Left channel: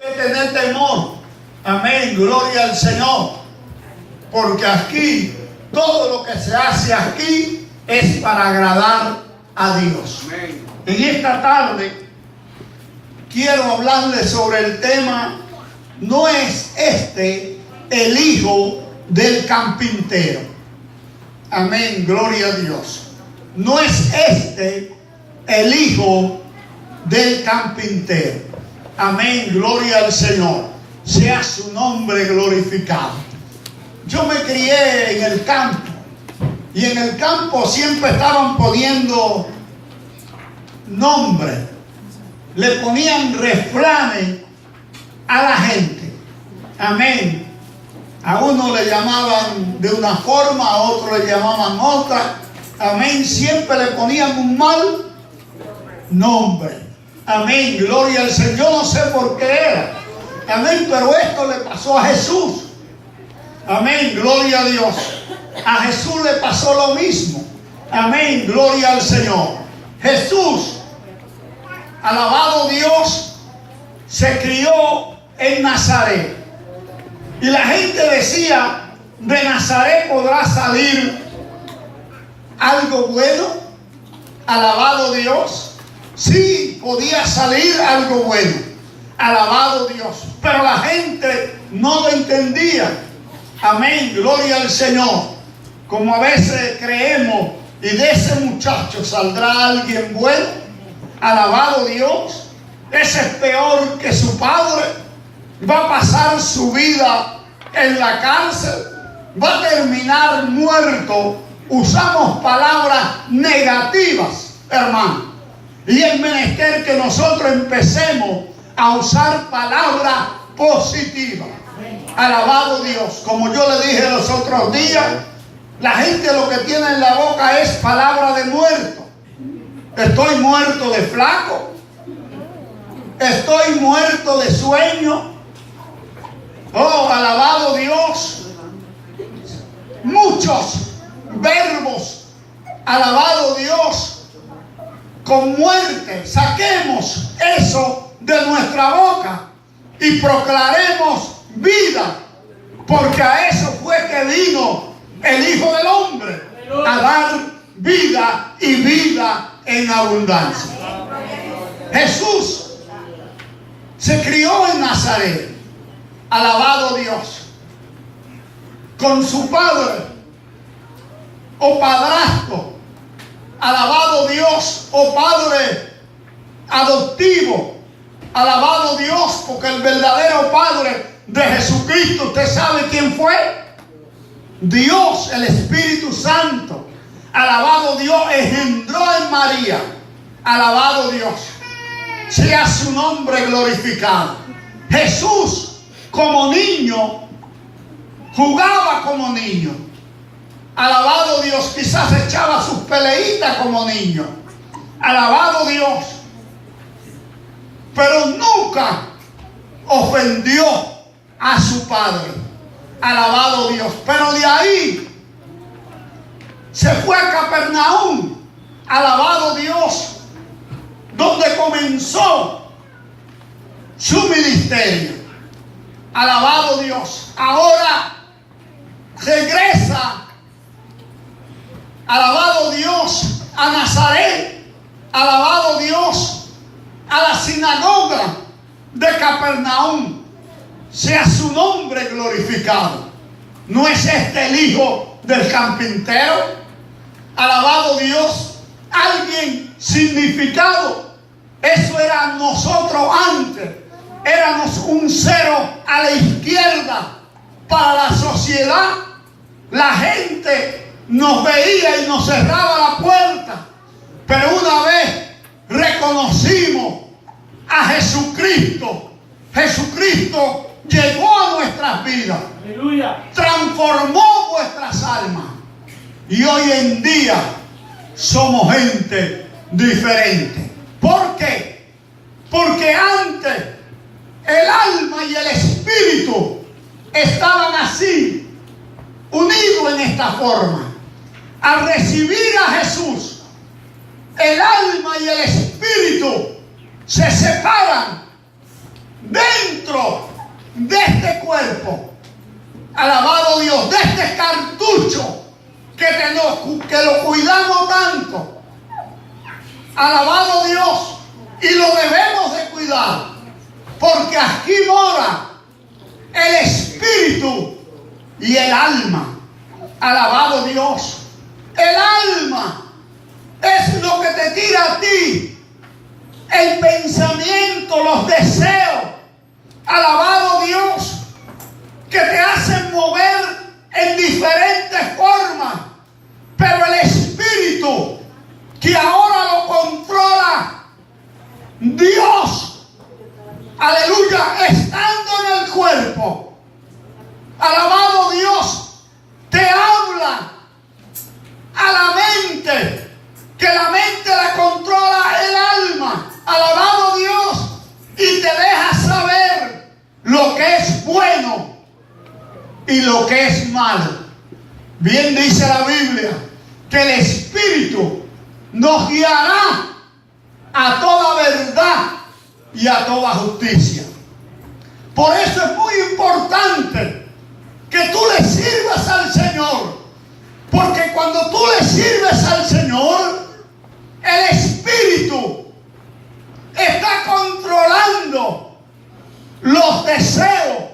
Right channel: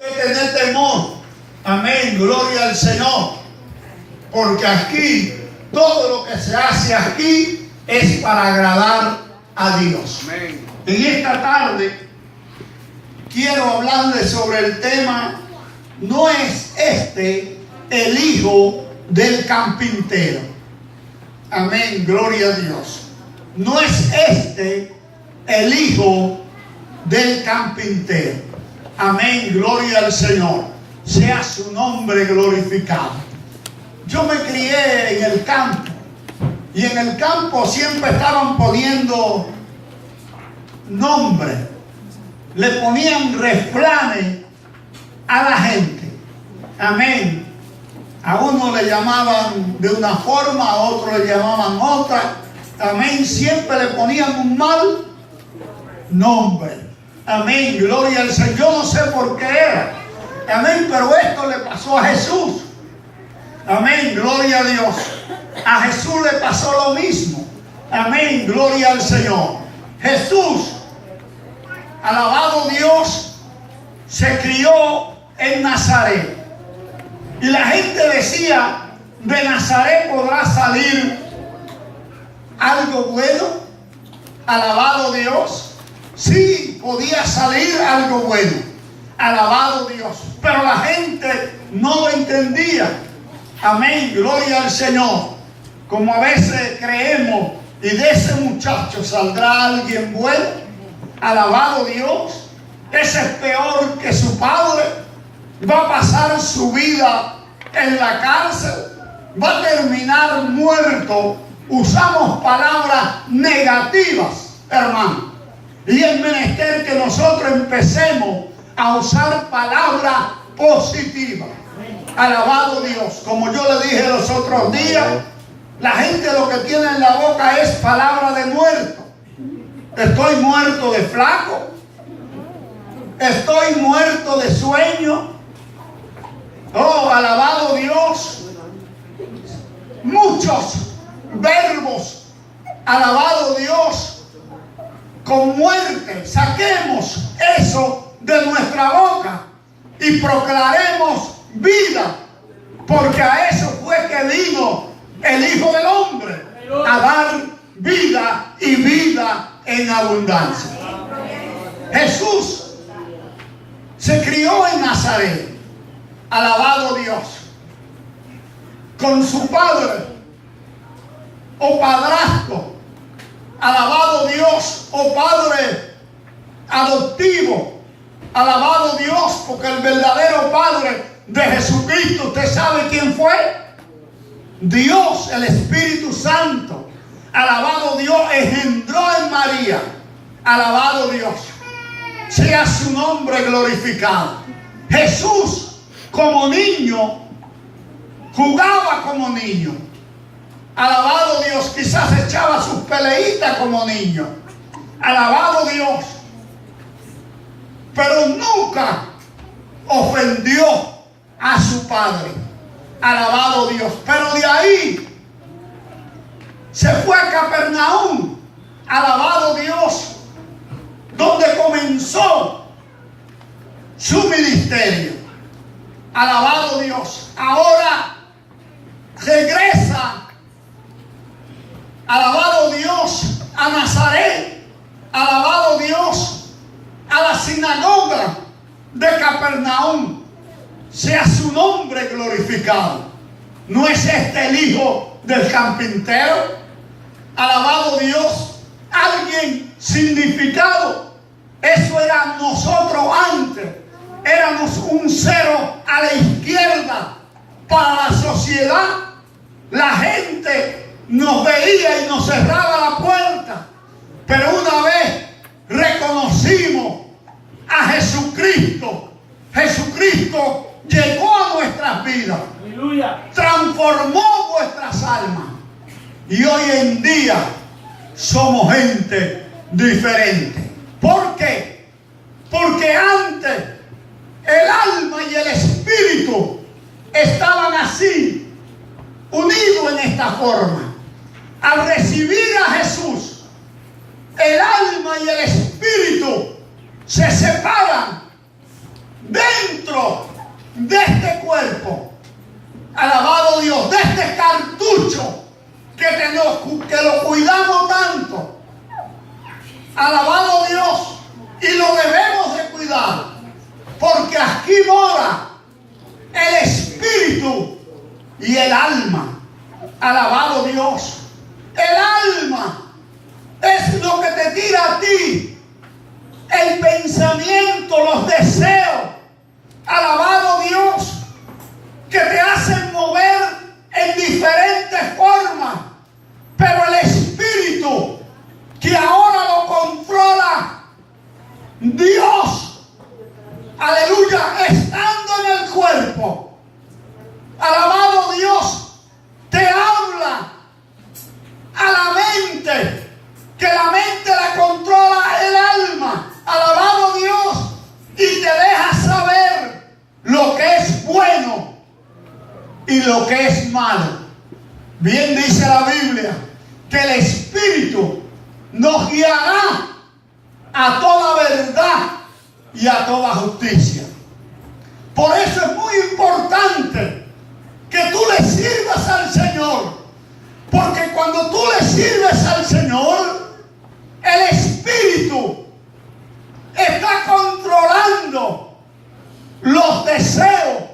Tener temor. Amén, gloria al Señor. Porque aquí, todo lo que se hace aquí es para agradar a Dios. Amén. En esta tarde quiero hablarles sobre el tema: ¿no es este el hijo del carpintero? Amén, gloria a Dios. ¿No es este el hijo del carpintero? Amén, gloria al Señor. Sea su nombre glorificado. Yo me crié en el campo, y en el campo siempre estaban poniendo nombres, le ponían refranes a la gente. Amén. A uno le llamaban de una forma, a otro le llamaban otra. Amén. Siempre le ponían un mal nombre. Amén, gloria al Señor. Yo no sé por qué era. Amén, pero esto le pasó a Jesús. Amén, gloria a Dios. A Jesús le pasó lo mismo. Amén, gloria al Señor. Jesús, alabado Dios, se crió en Nazaret. Y la gente decía: de Nazaret podrá salir algo bueno. Alabado Dios. Sí, podía salir algo bueno. Alabado Dios. Pero la gente no lo entendía. Amén, gloria al Señor. Como a veces creemos, y de ese muchacho saldrá alguien bueno. Alabado Dios. Ese es peor que su padre. Va a pasar su vida en la cárcel. Va a terminar muerto. Usamos palabras negativas, hermano. Y es menester que nosotros empecemos a usar palabras positivas. Alabado Dios. Como yo le dije los otros días, la gente lo que tiene en la boca es palabra de muerto. Estoy muerto de flaco. Estoy muerto de sueño. Oh, alabado Dios. Muchos verbos. Alabado Dios. Con muerte, saquemos eso de nuestra boca y proclamemos vida, porque a eso fue que vino el Hijo del Hombre, a dar vida y vida en abundancia. Jesús se crió en Nazaret, alabado Dios, con su padre o padrastro. Alabado Dios, oh Padre adoptivo. Alabado Dios, porque el verdadero Padre de Jesucristo, ¿usted sabe quién fue? Dios, el Espíritu Santo. Alabado Dios, engendró en María. Alabado Dios. Sea su nombre glorificado. Jesús, como niño, jugaba como niño. Alabado Dios, quizás echaba sus peleitas como niño. Alabado Dios. Pero nunca ofendió a su padre. Alabado Dios. Pero de ahí se fue a Capernaum. Alabado Dios. Donde comenzó su ministerio. Alabado Dios. Ahora regresa. Alabado Dios, a Nazaret. Alabado Dios, a la sinagoga de Capernaum. Sea su nombre glorificado. ¿No es este el hijo del carpintero? Alabado Dios. Alguien significado. Eso era nosotros antes. Éramos un cero a la izquierda para la sociedad. La gente nos veía y nos cerraba la puerta. Pero una vez reconocimos a Jesucristo, Jesucristo llegó a nuestras vidas. Aleluya. Transformó vuestras almas. Y hoy en día somos gente diferente. ¿Por qué? Porque antes el alma y el espíritu estaban así, unidos en esta forma. Al recibir a Jesús, el alma y el espíritu se separan dentro dentro de este cuerpo, alabado Dios, de este cartucho que lo cuidamos tanto, alabado Dios, y lo debemos de cuidar, porque aquí mora el espíritu y el alma. Alabado Dios. El alma es lo que te tira a ti el pensamiento, los deseos. Alabado Dios, que te hacen mover en diferentes formas. Pero el espíritu que ahora lo controla Dios, aleluya, estando en el cuerpo, alabado Dios, te habla a la mente, que la mente la controla el alma, alabado Dios, y te deja saber lo que es bueno y lo que es malo. Bien dice la Biblia que el Espíritu nos guiará a toda verdad y a toda justicia. Por eso es muy importante que tú le sirvas al Señor, porque cuando tú le sirves al Señor, el Espíritu está controlando los deseos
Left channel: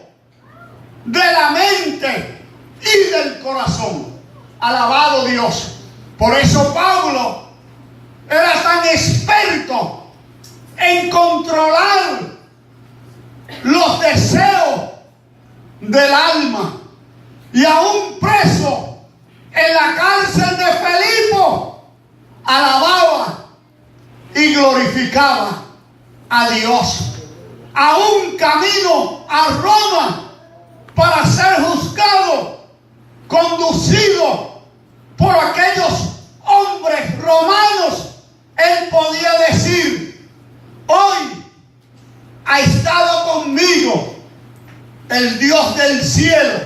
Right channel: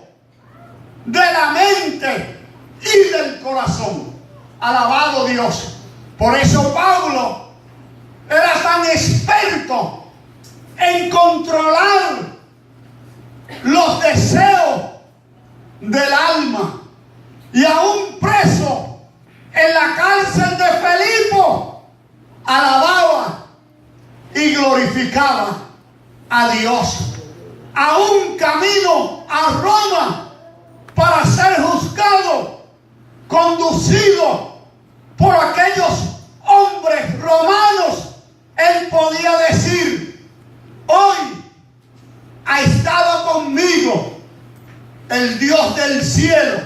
de la mente y del corazón. Alabado Dios. Por eso Pablo era tan experto en controlar los deseos del alma. Y aún preso en la cárcel de Filipo, alababa y glorificaba a Dios. Aún camino a Roma para ser juzgado, conducido por aquellos hombres romanos, él podía decir: hoy ha estado conmigo el Dios del cielo,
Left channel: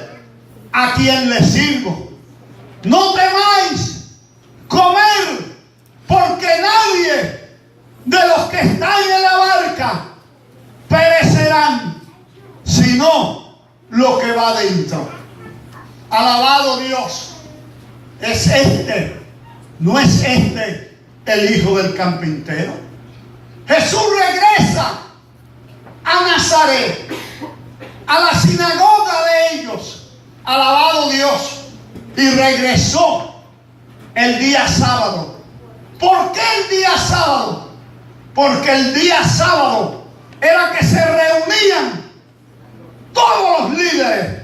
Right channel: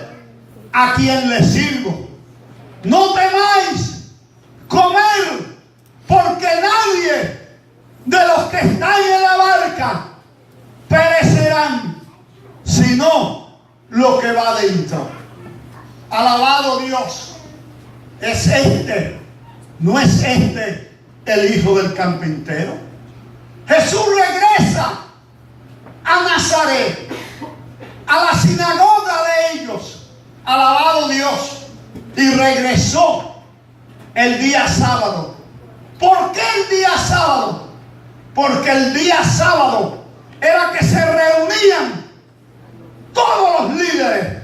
a quien le sirvo. No temáis comer, porque nadie de los que están en la barca perecerán, sino lo que va dentro. Alabado Dios. Es este, no es este el hijo del carpintero. Jesús regresa a Nazaret, a la sinagoga de ellos. Alabado Dios. Y regresó el día sábado. ¿Por qué el día sábado? Porque el día sábado era que se reunían todos los líderes,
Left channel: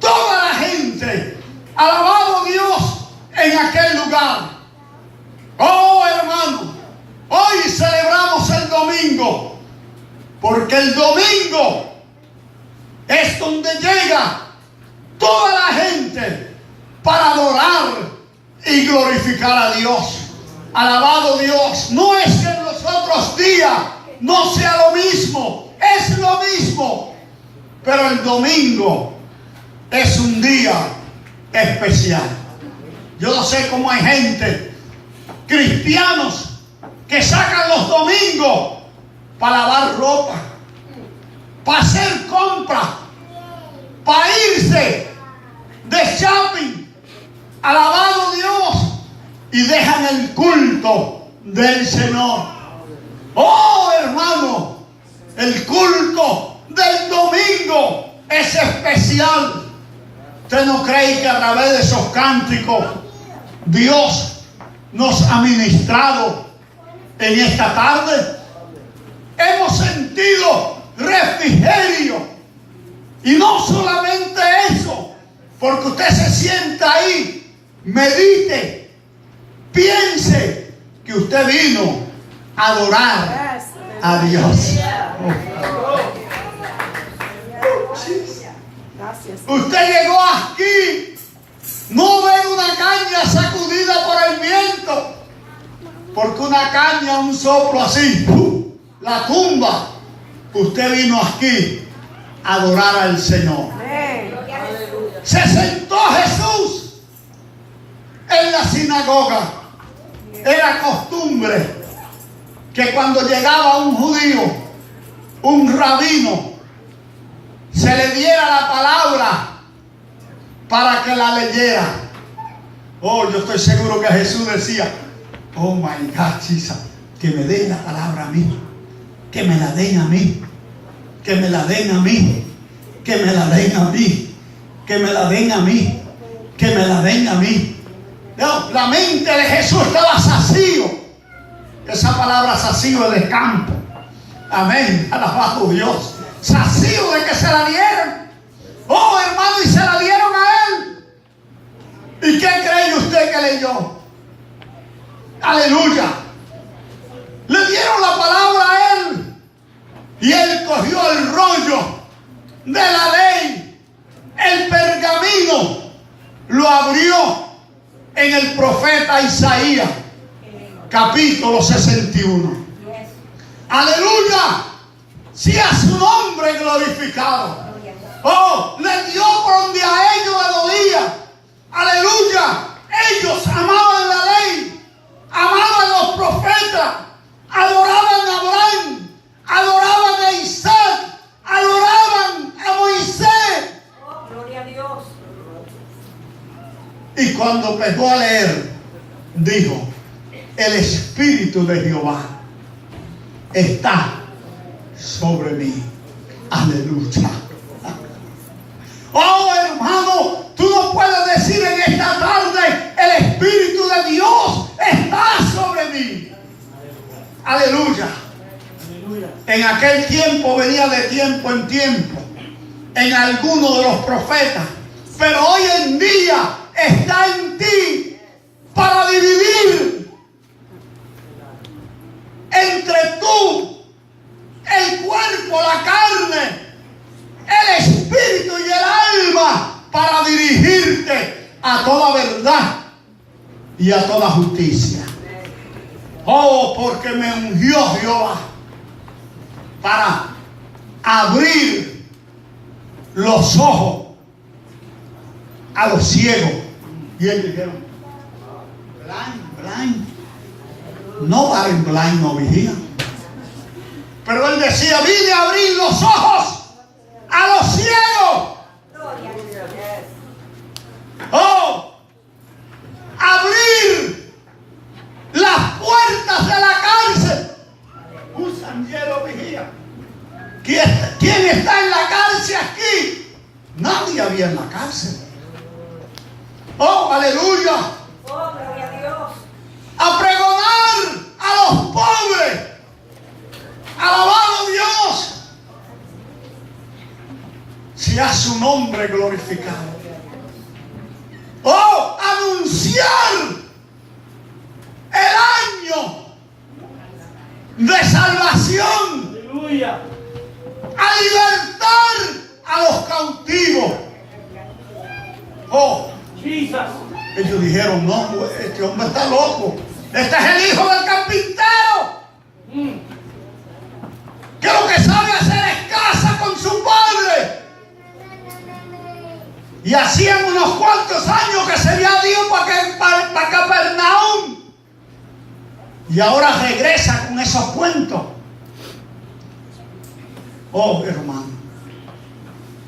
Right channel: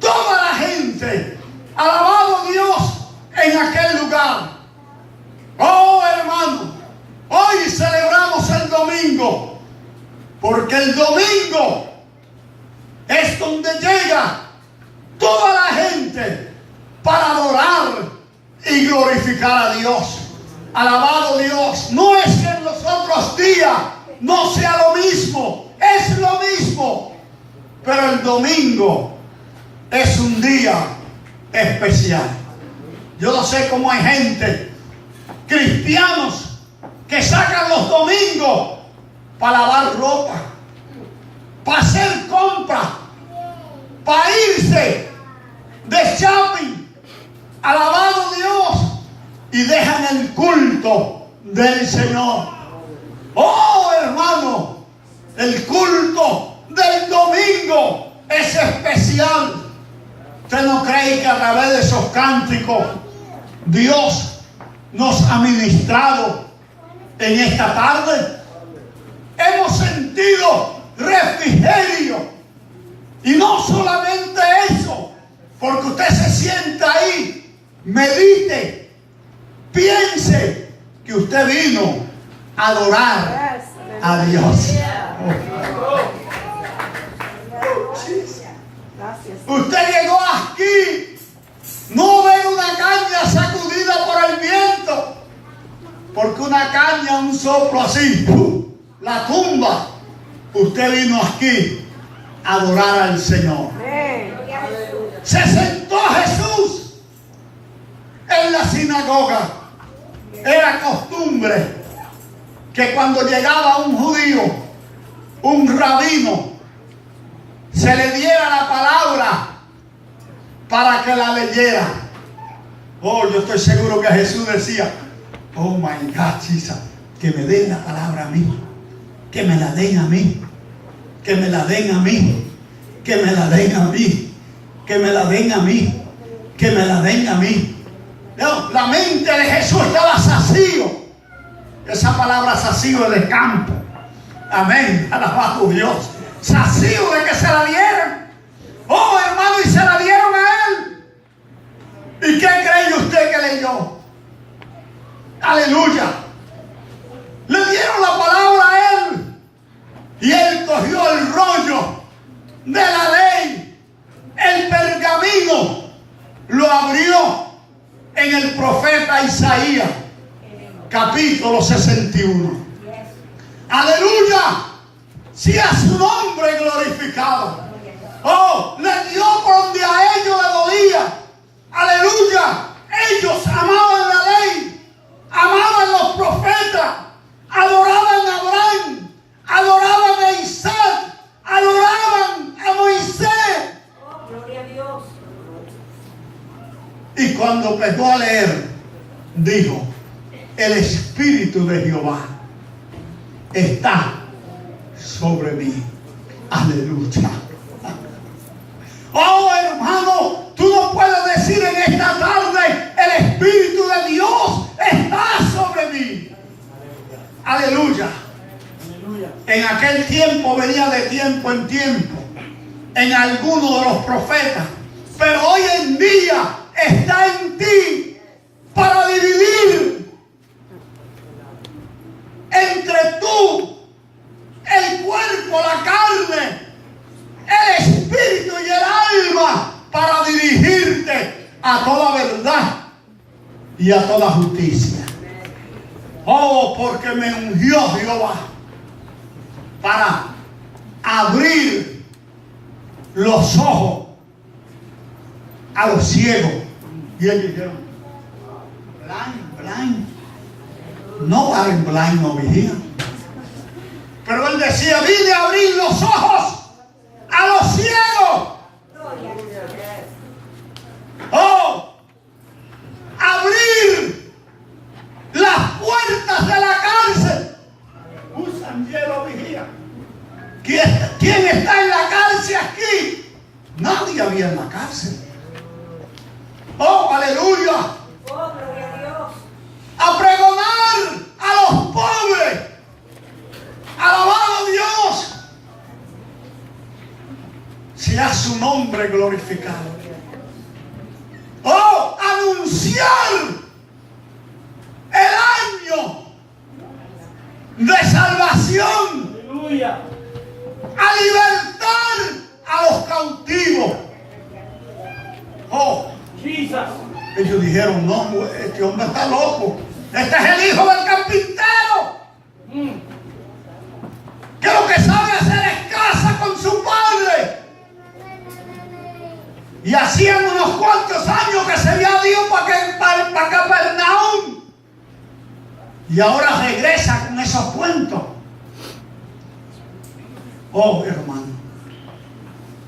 toda la gente, alabado Dios, en aquel lugar. Oh, hermano, hoy celebramos el domingo, porque el domingo es donde llega toda la gente para adorar y glorificar a Dios. Alabado Dios. No es que en los otros días no sea lo mismo, es lo mismo, pero el domingo es un día especial. Yo no sé cómo hay gente, cristianos, que sacan los domingos para lavar ropa, para hacer compras, para irse de shopping. Alabado Dios. Y dejan el culto del Señor. Oh, hermano, el culto del domingo es especial. ¿Usted no cree que a través de esos cánticos Dios nos ha ministrado en esta tarde? Hemos sentido refrigerio. Y no solamente eso, porque usted se sienta ahí, medite, piense que usted vino a adorar a Dios. Usted llegó aquí, no ve una caña sacudida por el viento, porque una caña, un soplo así, la tumba. Usted vino aquí a adorar al Señor. Se sentó Jesús en la sinagoga. Era costumbre que cuando llegaba un judío, un rabino, se le diera la palabra para que la leyera. Oh, yo estoy seguro que Jesús decía, oh my God, Jesus, que me den la palabra a mí, que me la den a mí, que me la den a mí, que me la den a mí, que me la den a mí, que me la den a mí. No, la mente de Jesús estaba sacio. Esa palabra sacio de campo. Amén, alabado Dios. Sacio de que se la dieron. Oh, hermano, y se la dieron a él. ¿Y qué cree usted que leyó? Aleluya. Le dieron la palabra a él. Y él cogió el rollo de la ley, el pergamino, lo abrió en el profeta Isaías, capítulo 61. Aleluya. Sea su nombre glorificado. Oh, le dio por donde a ellos le dolía. Aleluya. Ellos amaban la ley, amaban los profetas, adoraban a Abraham, adoraban a Isaac, adoraban a Moisés. Oh, gloria a Dios. Y cuando empezó a leer, dijo, el Espíritu de Jehová está sobre mí. Aleluya. Oh, hermano, tú no puedes decir en esta tarde, el Espíritu de Dios está sobre mí. Aleluya. En aquel tiempo venía de tiempo en tiempo en alguno de los profetas, pero hoy en día está en ti para dividir entre tú, el cuerpo, la carne, el espíritu y el alma, para dirigirte a toda verdad y a toda justicia. Oh, porque me ungió Jehová para abrir los ojos a los ciegos. Y ellos dijeron, blind. No blind, no vigila. Pero él decía, vine a abrir los ojos a los ciegos. Oh, abrir las puertas de la cárcel. Un sanguero vigía. ¿Quién está en la cárcel aquí? Nadie había en la cárcel. Oh, aleluya. Oh, gloria a Dios. A pregonar a los pobres. Alabado Dios. Sea su nombre glorificado. Oh, anunciar el año de salvación. Aleluya. A libertar a los cautivos. Oh, Jesus. ellos dijeron, no, este hombre está loco. Este es el hijo del carpintero. Que lo que sabe hacer es casa con su padre. Y hacían unos cuantos años que se había ido para Capernaum. Y ahora regresa con esos cuentos. Oh, hermano,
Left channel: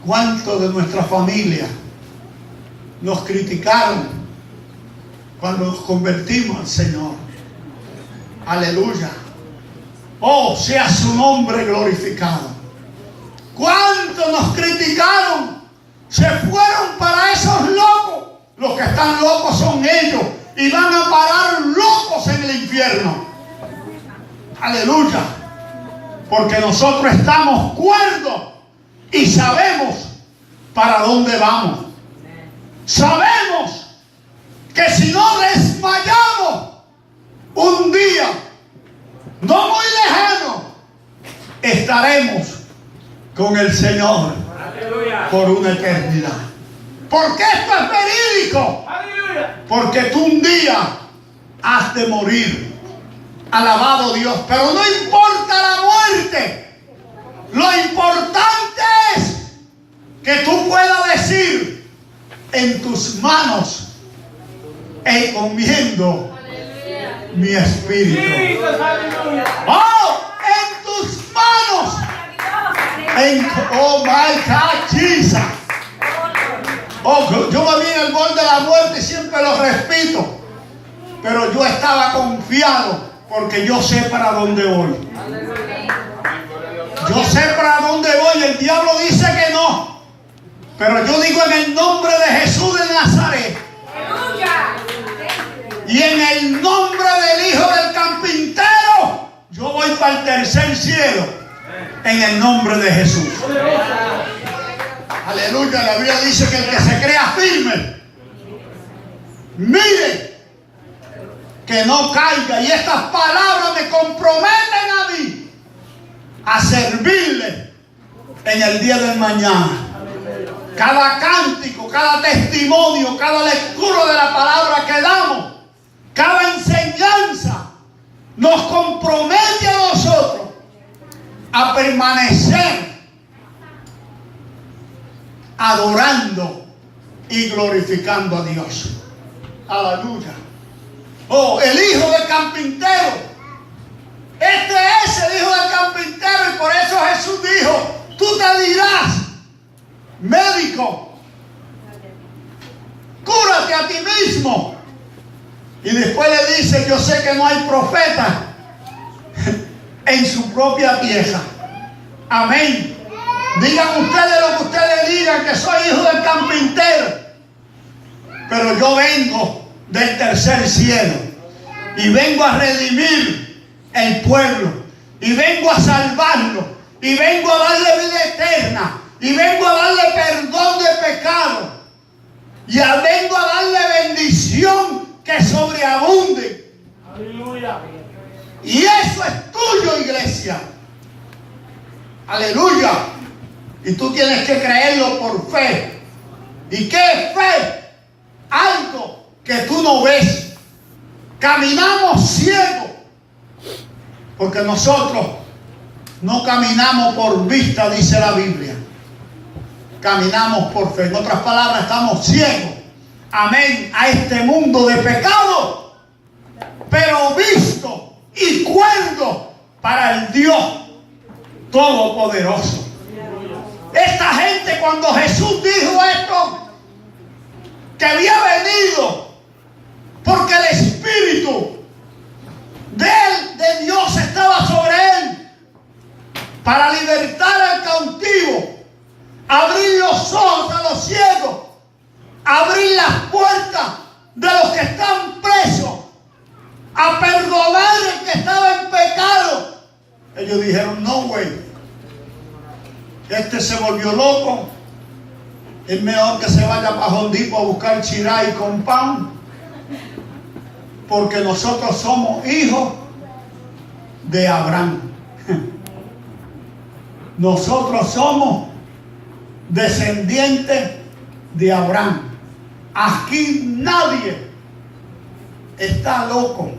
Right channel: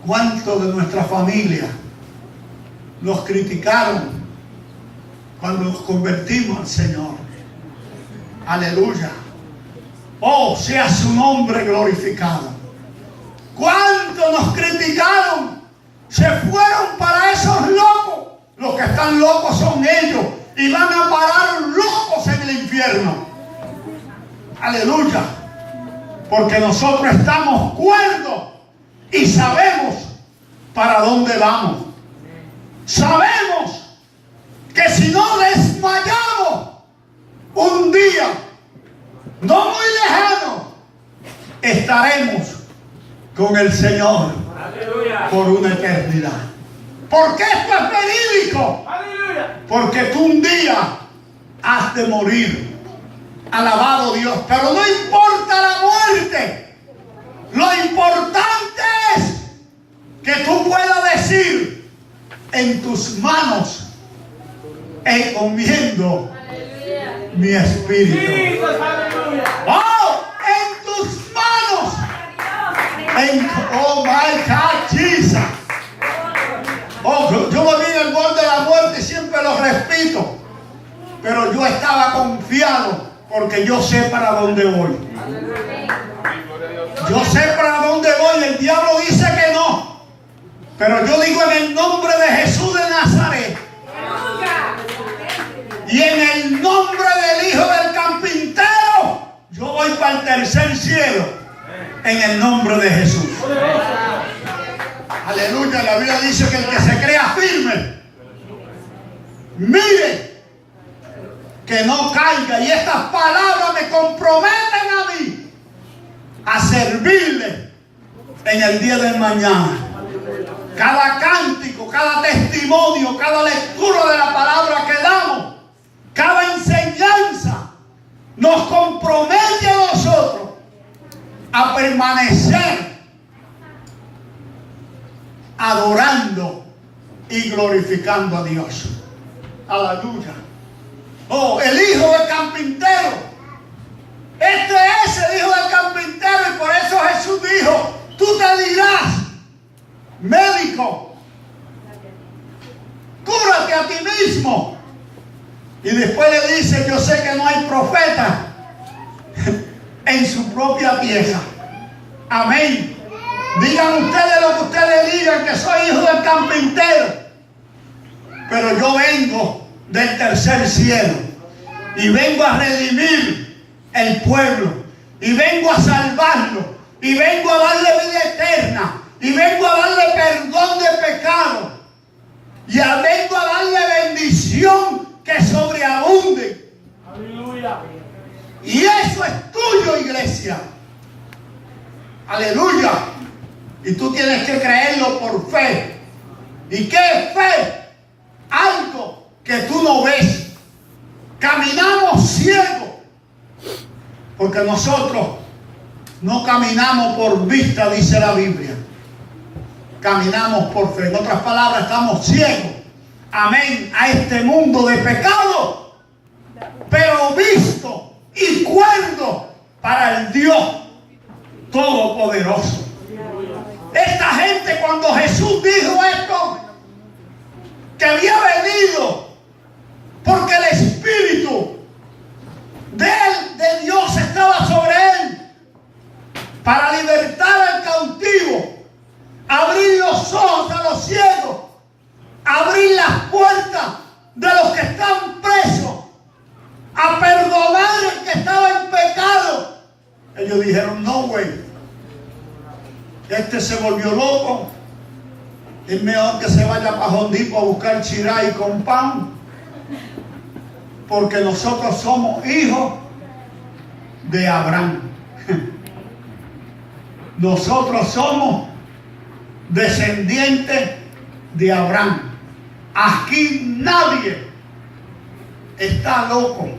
¿cuántos de nuestra familia nos criticaron cuando nos convertimos al Señor? Aleluya. Oh, sea su nombre glorificado. ¿Cuántos nos criticaron? Se fueron para esos locos. Los que están locos son ellos y van a parar locos en el infierno. Aleluya. Porque nosotros estamos cuerdos y sabemos para dónde vamos. Sabemos que si no desmayamos un día, no muy lejano, estaremos con el Señor. Aleluya. Por una eternidad. ¿Por qué esto es verídico? Aleluya. Porque tú un día has de morir. Alabado Dios. Pero no importa la muerte. Lo importante es que tú puedas decir, en tus manos encomiendo mi espíritu. Jesus, aleluya. Oh, en tus manos Oh my God, Jesus. Oh, yo me vi en el borde de la muerte y siempre lo repito. Pero yo estaba confiado porque yo sé para dónde voy. Yo sé para dónde voy. El diablo dice que no. Pero yo digo en el nombre de Jesús de Nazaret. Y en el nombre del Hijo del Carpintero, yo voy para el tercer cielo. En el nombre de Jesús. Aleluya. La Biblia dice que el que se crea firme, mire que no caiga. Y estas palabras me comprometen a mí a servirle en el día del mañana. Cada cántico, cada testimonio, cada lectura de la palabra que damos, cada enseñanza nos compromete a nosotros a permanecer adorando y glorificando a Dios. Aleluya. Oh, el Hijo del Carpintero. Este es el Hijo del Carpintero, y por eso Jesús dijo: tú te dirás, médico, cúrate a ti mismo. Y después le dice: yo sé que no hay profeta en su propia tierra. Amén. Digan ustedes lo que ustedes digan, que soy hijo del carpintero, pero yo vengo del tercer cielo y vengo a redimir el pueblo, y vengo a salvarlo, y vengo a darle vida eterna, y vengo a darle perdón de pecado, y vengo a darle bendición que sobreabunde. Aleluya. Y eso es tuyo, iglesia. Aleluya. Y tú tienes que creerlo por fe. ¿Y qué es fe? Algo que tú no ves. Caminamos ciegos, porque nosotros no caminamos por vista, dice la Biblia. Caminamos por fe. En otras palabras, estamos ciegos. Amén. A este mundo de pecado, pero visto y cuerdo para el Dios Todopoderoso. Esta gente, cuando Jesús dijo esto, que había venido porque el Espíritu de Dios estaba sobre él para libertar al cautivo, abrir los ojos a los ciegos, abrir las puertas de los que están presos, a perdonar al que estaba en pecado. Ellos dijeron: no, güey, este se volvió loco, es mejor que se vaya para Hondipo a buscar chiray con pan, porque nosotros somos hijos de Abraham. Nosotros somos descendientes de Abraham. Aquí nadie está loco.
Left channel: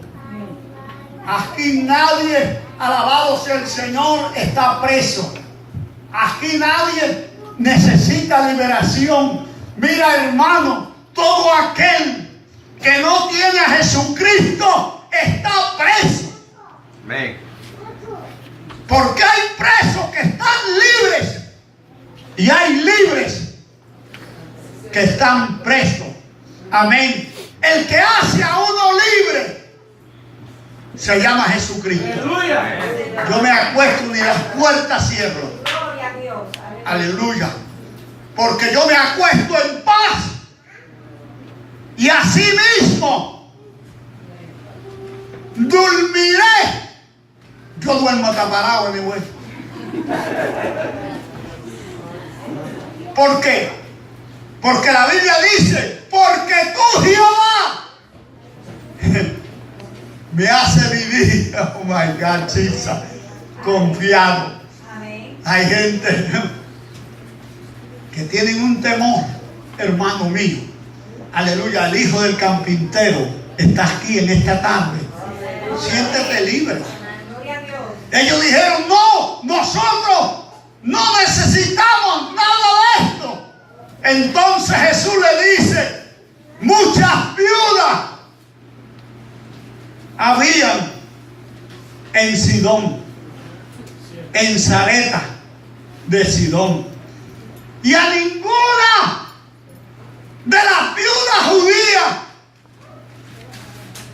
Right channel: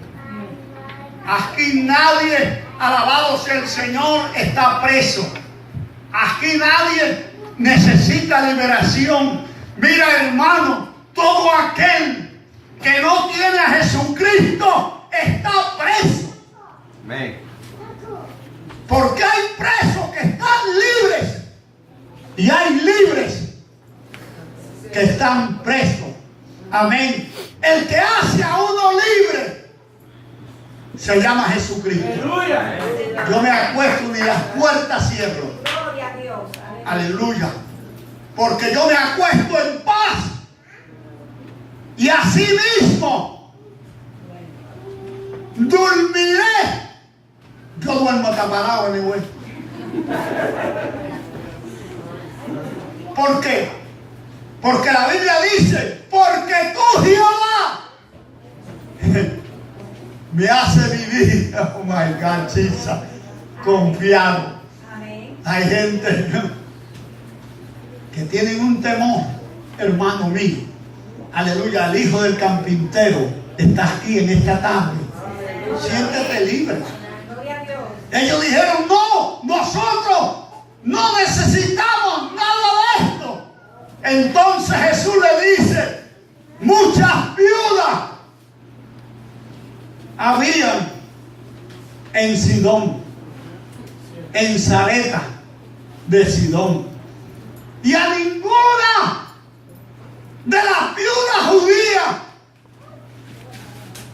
Aquí nadie, alabado sea el Señor, está preso. Aquí nadie necesita liberación. Mira, hermano, todo aquel que no tiene a Jesucristo está preso. Amén. Porque hay presos que están libres y hay libres que están presos. Amén. El que hace a uno libre se llama Jesucristo. Aleluya. Yo me acuesto y las puertas cierro. Gloria a Dios. Aleluya. Porque yo me acuesto en paz. Y así mismo dormiré. Yo duermo taparado, mi güey. ¿Por qué? Porque la Biblia dice: porque tú, Jehová, me hace vivir, oh my God, Jesus, confiado. Amén. Hay gente que tienen un temor, hermano mío. Aleluya, el Hijo del Carpintero está aquí en esta tarde. Siéntete libre. Gloria a Dios. Ellos dijeron: no, nosotros no necesitamos nada de esto. Entonces Jesús le dice: muchas viudas habían en Sidón, en Sarepta, de Sidón. Y a ninguna de las viudas judías.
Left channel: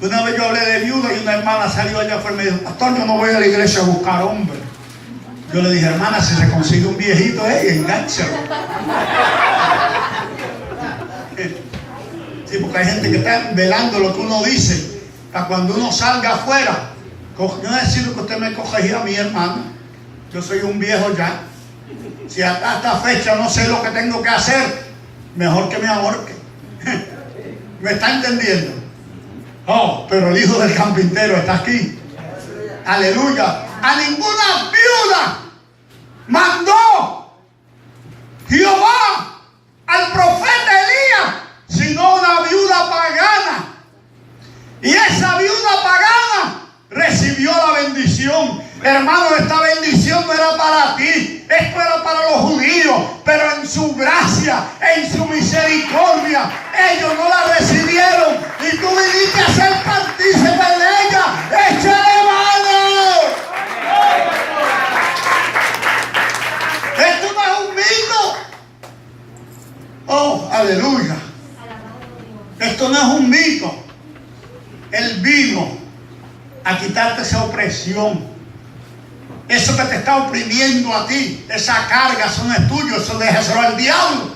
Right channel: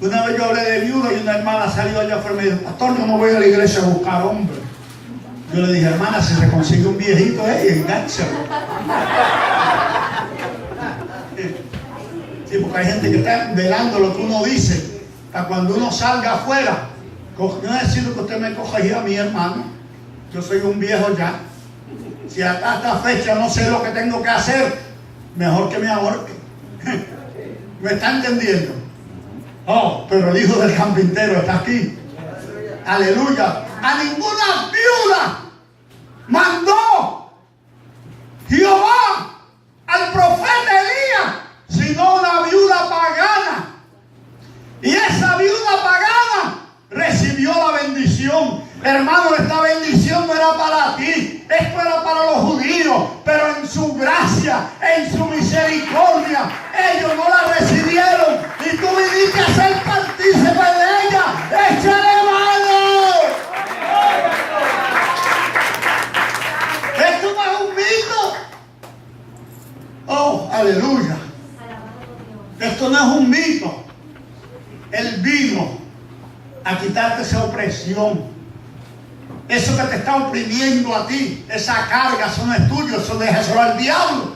Una vez yo hablé de viuda y una hermana salió allá afuera y me dijo: pastor, yo no voy a la iglesia a buscar hombre. Yo le dije: hermana, si se consigue un viejito, enganchalo. Sí, porque hay gente que está velando lo que uno dice para cuando uno salga afuera. Yo no decido que usted me corregía a mi hermana. Yo soy un viejo ya. Si hasta esta fecha no sé lo que tengo que hacer, mejor que me ahorque. ¿Me está entendiendo? Oh, pero el hijo del carpintero está aquí. Aleluya. A ninguna viuda mandó Jehová al profeta Elías, sino una viuda pagana. Y esa viuda pagana recibió la bendición. Hermano, esta bendición no era para ti, esto era para los judíos, pero en su gracia, en su misericordia, ellos no la recibieron y tú viniste a ser partícipe de ella. ¡Échale mano! Esto no es un mito. Oh, aleluya. Esto no es un mito. Él vino a quitarte esa opresión. Eso que te está oprimiendo a ti, esa carga, eso no es tuyo, eso déjaselo al diablo.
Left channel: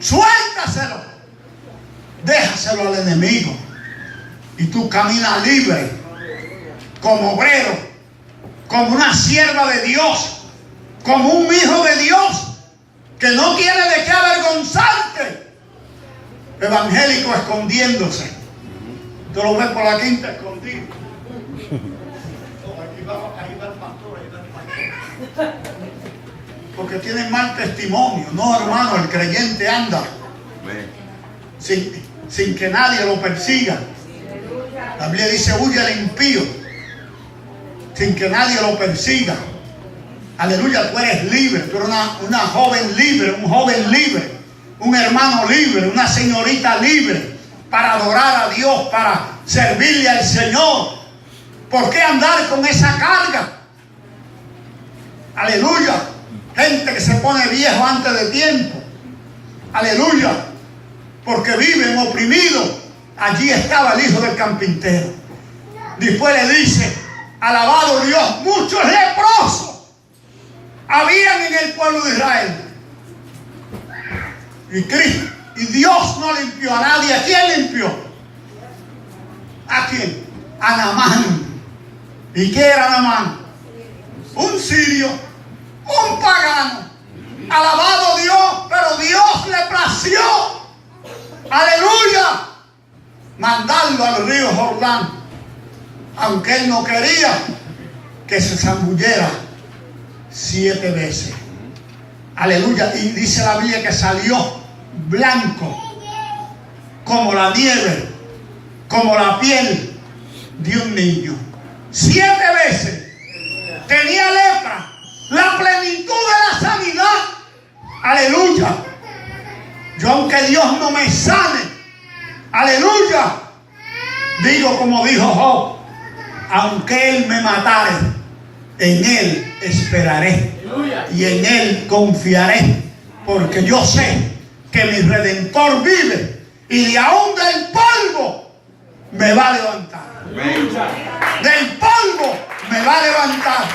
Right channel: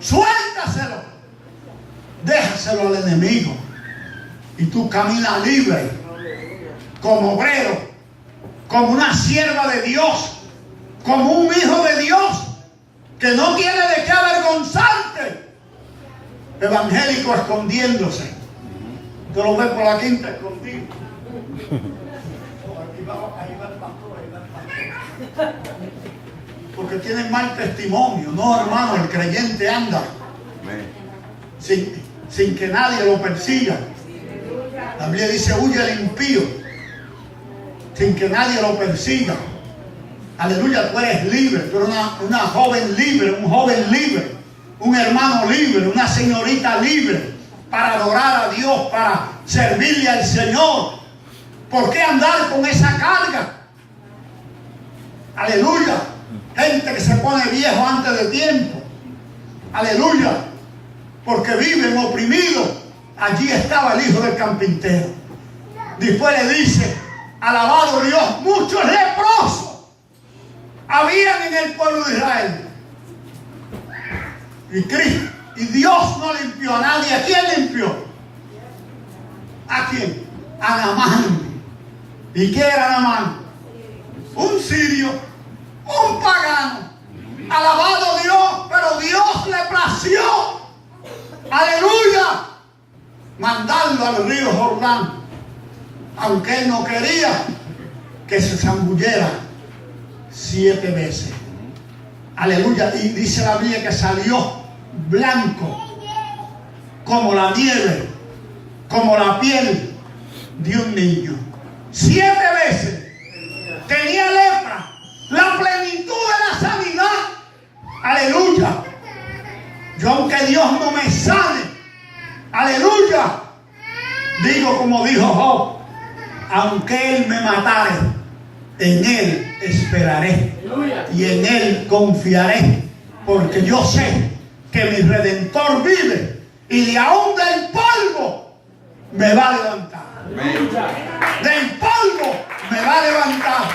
Suéltaselo. Déjaselo al enemigo. Y tú caminas libre, como obrero, como una sierva de Dios, como un hijo de Dios, que no tiene de qué avergonzarte. Evangélico escondiéndose. Tú lo ves por la quinta escondido. Ahí va el pastor, porque tienen mal testimonio. No, hermano, el creyente anda sin que nadie lo persiga. La Biblia dice: huye al impío, sin que nadie lo persiga. Aleluya, tú eres libre. Tú eres una joven libre, un joven libre, un hermano libre, una señorita libre, para adorar a Dios, para servirle al Señor. ¿Por qué andar con esa carga? Aleluya. Gente que se pone viejo antes de tiempo. Aleluya. Porque viven oprimidos. Allí estaba el hijo del carpintero. Después le dice: alabado Dios, muchos leprosos habían en el pueblo de Israel. Y Dios no limpió a nadie. ¿A quién limpió? ¿A quién? A Naamán. ¿Y qué era Naamán? Un sirio, un pagano. Alabado Dios, pero Dios le plació, aleluya, mandarlo al río Jordán, aunque él no quería que se zambullera 7 veces. Aleluya. Y dice la Biblia que salió blanco como la nieve, como la piel de un niño. 7 veces tenía lepra, la plenitud de la sanidad. Aleluya. Yo, aunque Dios no me sane, aleluya, digo como dijo Job: aunque Él me matare, en Él esperaré y en Él confiaré, porque yo sé que mi Redentor vive y de aún del polvo me va a levantar. Del polvo me va a levantar.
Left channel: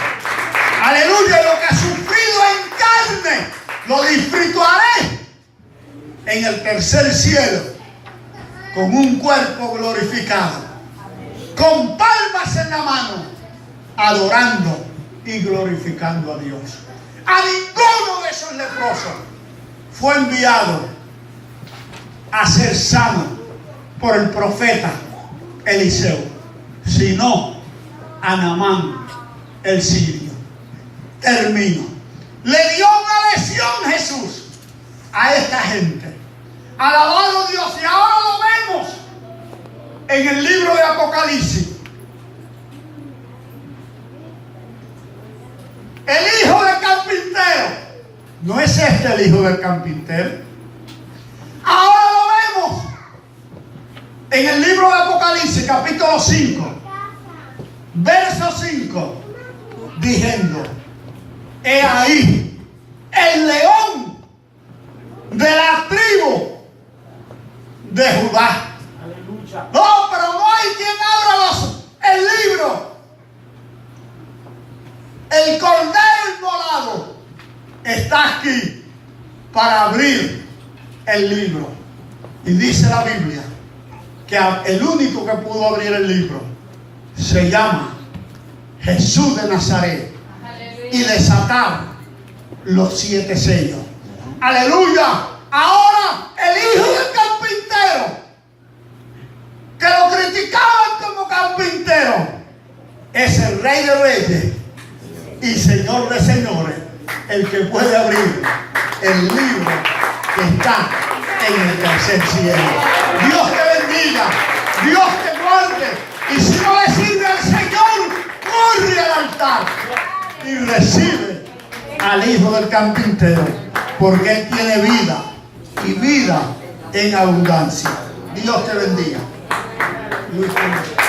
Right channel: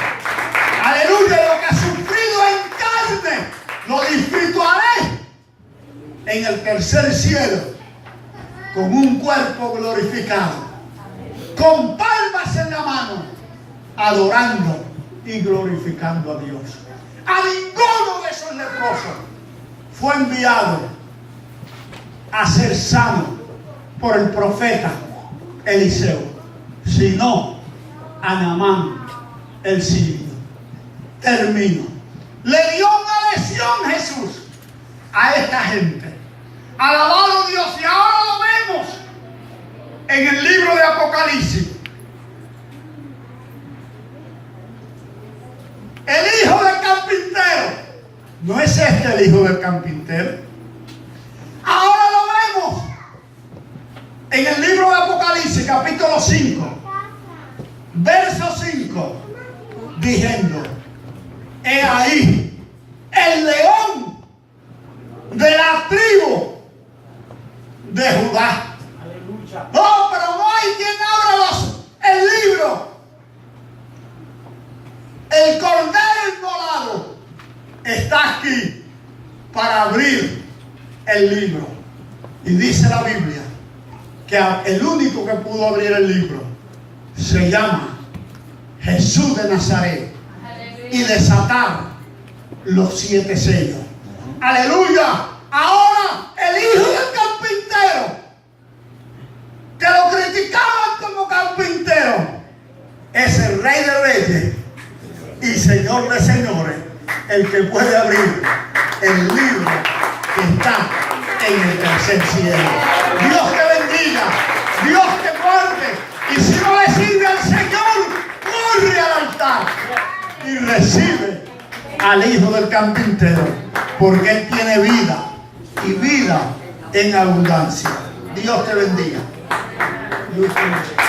Aleluya. Lo que he sufrido en carne lo disfrutaré en el tercer cielo, con un cuerpo glorificado, con palmas en la mano, adorando y glorificando a Dios. A ninguno de esos leprosos fue enviado a ser sano por el profeta Eliseo, sino a Naamán el sirio. Termino. Le dio una lección Jesús a esta gente. Alabado Dios. Y ahora lo vemos en el libro de Apocalipsis. El hijo del carpintero. ¿No es este el hijo del carpintero? Ahora lo vemos en el libro de Apocalipsis, capítulo 5, verso 5, diciendo: he ahí el león de la tribu de Judá. No, pero no hay quien abra el libro. El cordero inmolado está aquí para abrir el libro. Y dice la Biblia que el único que pudo abrir el libro se llama Jesús de Nazaret y desatar los 7 sellos. Aleluya. Ahora el hijo del carpintero, que lo criticaban como carpintero, es el Rey de Reyes y Señor de Señores, el que puede abrir el libro que está en el tercer cielo. Dios te bendiga, Dios te guarde, y si no le sirve al Señor, corre al altar y recibe al hijo del carpintero, porque él tiene vida y vida en abundancia. Dios te bendiga. Dios te bendiga.